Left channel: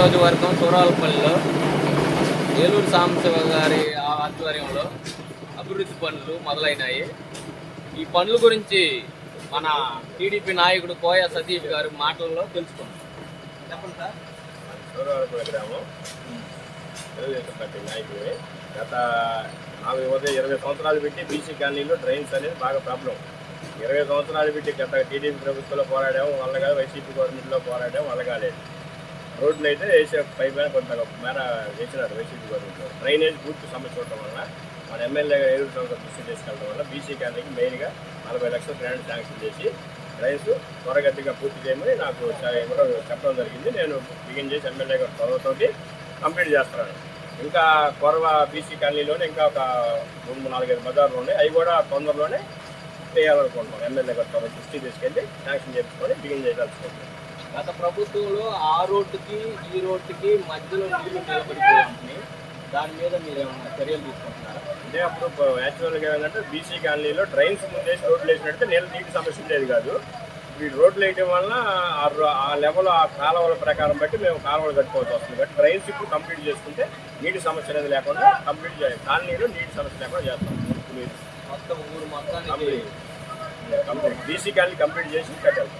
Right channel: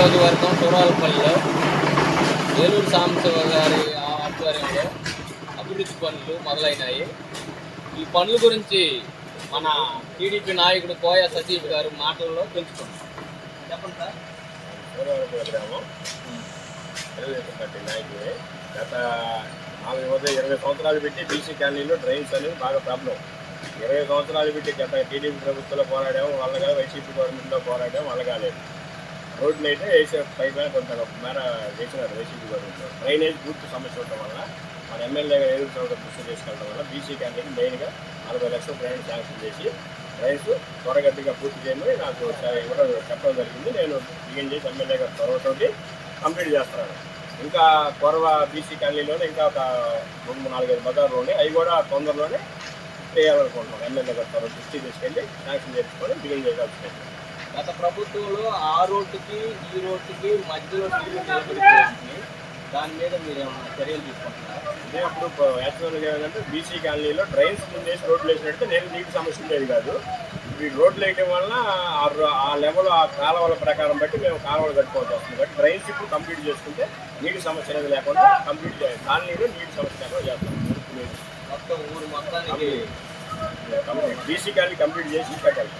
నియోజకవర్గం సూరాలపల్లిలో ఏలూరు సాంబశివ గారి ఆధ్వర్యంలో అభివృద్ధి పనులు మొదలైనాయి. ఈ పనుల గురించి మన టీడీపీ నాయకుడు కోయ సతీష్ గారు మాటల్లో తెలుసుకున్నాం చెప్పండి సార్. సూరవరపుల గ్రామం. తెలుగుదేశం పార్టీ నాయకుడే. గత నాలుగు ఉదయం ఇరవై సంవత్సరాలు పెట్టి బీసీ కాలనీలో డ్రైన్స్ అనేది బాగా ప్రాబ్లం. ఇరవై సంవత్సరాలు పెట్టి గత టీడీపీ ప్రభుత్వంలో పోరాడాము వల్ల కాదు వైసీపీ గవర్నమెంట్లో పోరాడాము వాళ్ళ కాలేదు. రోడ్లు అయితే వేసే పై పైన కొంత మేర వేసినారు వైసీపీ గవర్నమెంట్ డ్రైనేజ్ పూర్తి సమస్య ఉండటం వల్ల మన ఎమ్మెల్యే గారు సంవత్సరం దృష్టి చేసుకెళ్ళడం వల్ల బీసీ కాలనీకి మెయిన్గా నలభై లక్షల గ్రాండ్ శాంక్షన్ చేసి రైస్ త్వరగతిగా పూర్తి చేయమని నాకు ఇవ్వడం చెప్పడం జరిగింది. నేను బిగిన్ చేసి ఎమ్మెల్యే గారు త్వరతోటి కంప్లీట్ చేస్తున్నాను. ఇంకా కొరవ బీసీ కాలనీలోనే ఇంకా ఒక రెండు మూడు నాలుగైదు బజార్లు ఉన్నాయి. అవి కూడా తొందరలోనే చేయాలనుకుంటున్నాం ఎమ్మెల్యే గారు దృష్టి తీసుకెళ్ళి శాంక్షన్ చేసుకొని బిగిన్ చేయాల్సింది గత ప్రభుత్వంలో ఆ రోడ్డుకి ఈ రోడ్డుకి మధ్యలో నీళ్ళు నిలబడిపోయాయి దాని మీద మీరు ఏమైనా చర్యలు తీసుకుంటున్నారా? అంటే అప్పుడు యాక్చువల్గా ఏంటంటే బీసీ కాలనీలో డ్రైన్స్ ముందేసి రోడ్లు వేసినట్టు నీళ్ళ నీటి సమస్య ఉండేది కాదు. ఈ రోడ్లు వేయడం వలన ఆ ఆ లెవెల్ ఆ కాలువల ప్రకారం బట్టి మేము కాలువలు కట్టుకోవాల్సి వస్తుంది. కాబట్టి డ్రైన్స్ ఇప్పుడు కంప్లీట్ చేసుకుంటే నీటి సమస్య అనేది లేకుండా కంప్లీట్ చేయాలి కాలనీలో నీటి సమస్య లేకుండా చేస్తాం. మొత్తం ఊరు మొత్తానికి బీసీ కాలనీ కంప్లీట్ చేసి కట్టాలి